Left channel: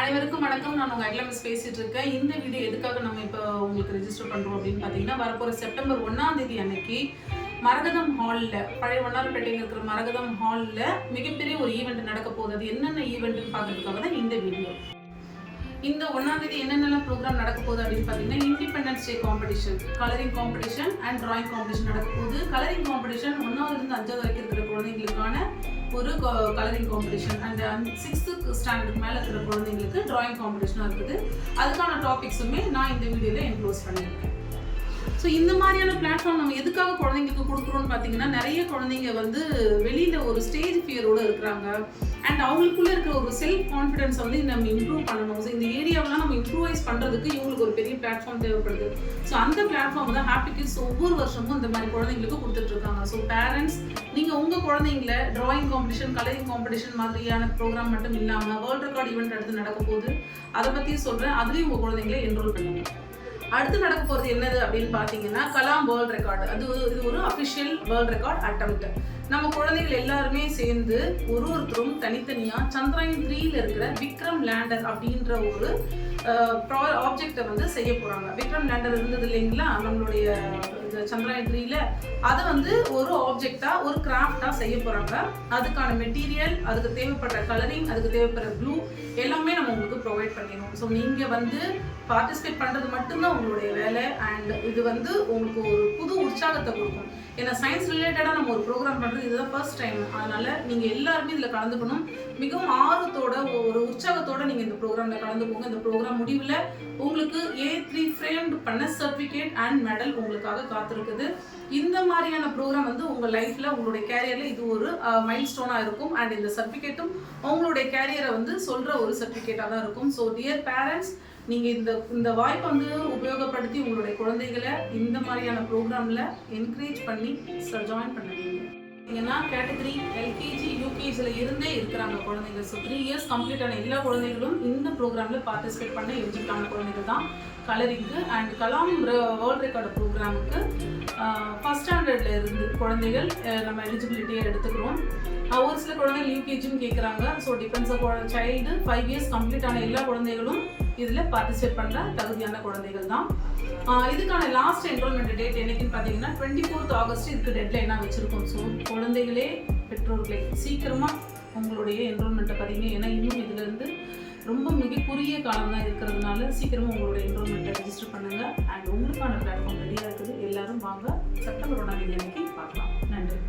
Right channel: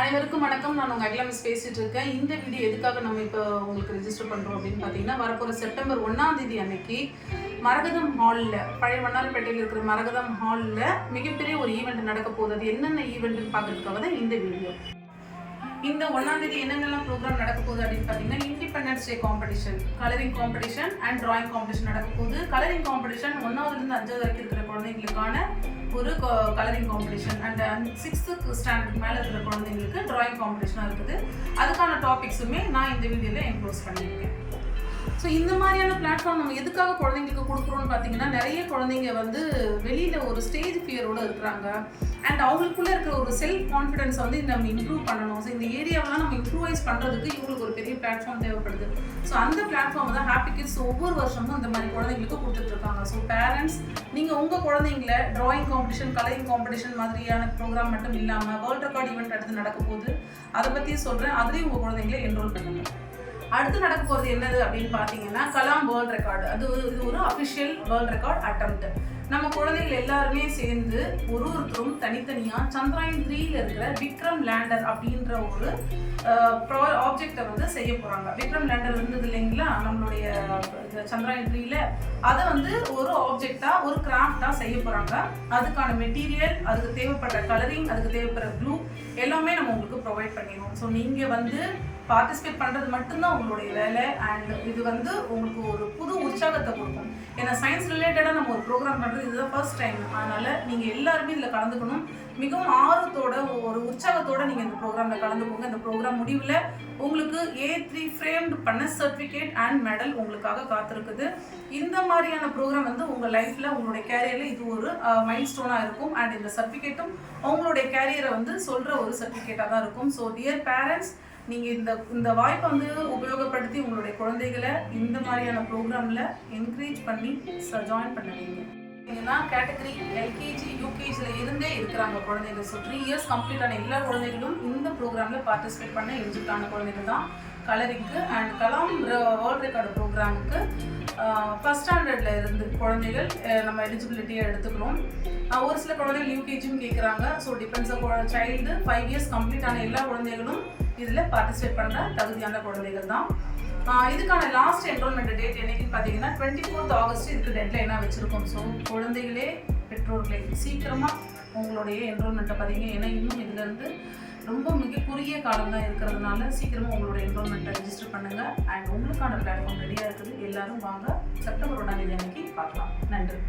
அனைவருக்கும் வணக்கம். நான் உங்கள் அகிலமிஸ் பேசிட்டு இருக்கேன். இந்த வீடியோ எதுக்காக நம்ம இப்போ உங்களுக்கு ரெஜிஸ்டர் பண்ணுறோம் அப்படின்னு பார்த்தீங்கன்னா, வரப்போகிற செப்டம்பர் 1ஆம் தேதி அன்னைக்கு மரகதம் ஹாலில், பழைய வண்ணாரப்பேட்டையில் இருக்கிற மரகதம் ஹாலில் மிகப்பெரிய ஒரு ஈவெண்ட் நடக்க போகுது. அது என்னென்ன ஈவெண்ட்னு பார்க்கறதுக்காக தான் இந்த வீடியோ. இந்த 1ஆம் தேதி என்னென்னலாம் ப்ரோக்ராம் நடக்க போகுது அப்படின்னு பார்த்தீங்கன்னா, independence day competition, colouring competition and drawing competition நடக்க போகுது. கலரிங் காம்படிஷன் 1ஆவதுலேருந்து 5வது வரைக்கும் இருக்கிற குழந்தைங்களுக்கான ஒரு கலரிங் காம்படிஷன் அண்ட் 6th ஸ்டாண்டர்டுக்கு மேலே இருக்கிற குழந்தைங்களுக்கு டிராயிங் காம்படிஷனாக இருக்குது. அதுக்கான டாபிக்ஸுமே நான் இந்த வீடியோவில் என்க்ளோஸ் பண்ணியிருக்கேன். ஸோ இந்த மாதிரியான பிளாட்ஃபார்ம் நம்ம எதுக்காக குழந்தைங்களுக்கு கொடுக்குறோன்னு பார்த்தீங்கன்னா, நிறைய குழந்தைங்க வந்து வெளியில் ஒரு ஸ்டேஜ் ஃபியரோடு இருக்கிறாங்க அண்ட் அவங்களுக்குள்ளே இருக்கிற ஒரு செல்ஃப் கான்ஃபிடென்ஸ் வந்து நம்ம இம்ப்ரூவ் பண்ணணும். ஸோ இந்த ஏரியாவெலாம் நம்ம இம்ப்ரூவைஸ் பண்ணுறதுக்கு இவங்களுக்கு ஒரு பெரிய பிளாட்ஃபார்ம் தேவைப்படுது. ஸோ அந்த பிளாட்ஃபார்ம் தான் ஹாப்பி கிட்ஸ் ஒவ்வொரு வருஷமும் இந்த மாதிரி குழந்தைங்களுக்கு கொடுத்துட்ருக்காங்க. ஸோ பேரண்ட்ஸ், நீங்கள் உங்கள் குழந்தைங்கள டிராயிங் காம்படிஷன், கலரிங் காம்படிஷன் மாதிரியான ப்ரோக்ராம் மட்டும் இல்லாமல் வேர்ல்ட் ரெக்கார்ட் ஈவெண்ட் அடுத்து நடக்க போகுது. அதை பற்றி சொல்கிறேன். அதுலேயும் உங்கள் குழந்தைங்களை என்ரோல் பண்ணுங்கள். அடுத்து நடக்க போகிறது என்னது அப்படின்னு பார்த்தீங்கன்னா, கலாம் வேர்ல்ட் ரெக்கார்டு. இது ஒரு அஃபிஷியல் வேர்ல்ட் ரெக்கார்ட் அட்டெம்ப்ட். நம்ம குழந்தைகள் எல்லாருமே சேர்ந்து ஒருத்தரும் தனித்தனியாக சந்திராயன் 3ல் இருக்கிற விக்ரம் லேண்டர் அப்படின்ற ஒரு ஆப்ஜெக்டை வந்து செய்ய போகிறாங்க. விக்ரம் லேண்டர் இருந்தது இல்லைங்களா நம்மளுடைய சந்திராயன் 3ல், அதை வந்து ஒரு ஆப்ஜெக்டாக, ஒரு கிராஃப்டாக செய்ய போகிறாங்க. அதுக்கான மெட்டீரியல், அதுக்கு தேவைப்படுற கலரிங், அதுக்கு தேவைப்படுற ப்ளூ எல்லாமே நம்ம உங்களுக்கு ப்ரொவைட் பண்ணிடுவோம். ஸோ நீங்கள் வந்து பார்ட்டிசிபேட் பண்ணுறது மட்டும்தான் உங்களுடைய வேலை. அண்ட் இது வந்து உங்களுக்கு ஒரு புது உற்சாகத்தை கொடுக்கும். ஏன்னா சயின்ஸ் ரிலேட்டடாக நம்ம ஒரு ப்ரோக்ராம் பண்ணுறது இதுதான் ஃபர்ஸ்ட் டைம். அதனால் நீங்கள் எல்லாருமே இதில் கலந்துக்கணும். மிகவும் ஆர்வத்தோட, ஒரு உற்சாகத்தோடு நீங்கள் இந்த ப்ரோக்ராமில் கலந்துக்கோங்க. இந்த ப்ரோக்ராம் முடிவில் உங்களுக்கு A3 ஃப்ரேம்டு பண்ண சர்டிஃபிகேட் அண்ட் மெடல் உங்களுக்காக காத்திருக்குது. இந்த மாதிரியான ப்ரோக்ராம் வந்து உங்கள் லைஃப்பில், உங்களுடைய கேரியரில் இது ஒரு மைல் ஸ்டோனாக இருக்கும். அண்ட் இந்த சர்டிஃபிகேட்டும் உங்களுடைய கேரியரை வந்து சொல்கிற ஒரு சர்டிஃபிகேட்டாக தான் இருக்கும். ஸோ டியர் பேரண்ட்ஸ், நீங்கள் இந்த வாய்ப்பை வந்து உபயோகப்படுத்தி உங்களுடைய குழந்தைகளை இந்த மாதிரியான ப்ரோக்ராமில் என்கரேஜ் பண்ணி ஜாயின் பண்ண வைங்க. ஏன்னா கேட்டகரி LKG UKGயில் இருந்தே இருக்கிறாங்க குழந்தைகள். ஸோ 3 இயர்ஸ் கம்ப்ளீட் ஆன எல்லா குழந்தைகளும் இந்த ப்ரோக்ராமில் பார்ட்டிசிபேட் பண்ண எலிஜிபிளான குழந்தைகள் தான் கலரிங்க்கு. அண்ட் கலாம் வேர்ல்ட் ரெக்கார்டு ப்ரோக்ராமுக்கு ஃபஸ்ட் ஸ்டாண்டர்டில் இருந்து குழந்தைகள் நம்ம எலிஜிபிலிட்டியை எடுத்துக்கிறோம். ஒரு சில குழந்தைகள் UKGயும் கேட்குறாங்க. So depends child 5 years complete ஆன எல்லா குழந்தைகளும் இதில் பார்ட்டிசிபேட் பண்ணுற தகுதியான குழந்தைகள் தான். இதுக்கான லாஸ்ட் என்ரோல்மெண்ட் டேட் என்னைக்குன்னு பார்த்தீங்கன்னா 24th ஆகஸ்ட் இதுக்கு டெட்லைனாக வச்சுருக்கோம். ஸோ குழந்தைகளே, பெற்றோர்களே, சீக்கிரமாக உங்களுடைய என்ரோல்மெண்ட்டை பதிங்க. ஏன்னா இன்னும் இதிலேருந்து ரொம்ப மிக குறுகிய காலம் தான் இருக்கிறதுனால சீக்கிரமாக உங்களுடைய என்ரோல்மெண்ட்டை ரெஜிஸ்டர் பண்ணுங்கள். அண்ட் உங்களுக்கான பிளாட்ஃபார்ம் ரெடியாக இருக்குது. எல்லோரும் வாங்க, செப்டம்பர் 1ஆம் தேதி அன்னைக்கு பார்க்கலாம். நன்றி.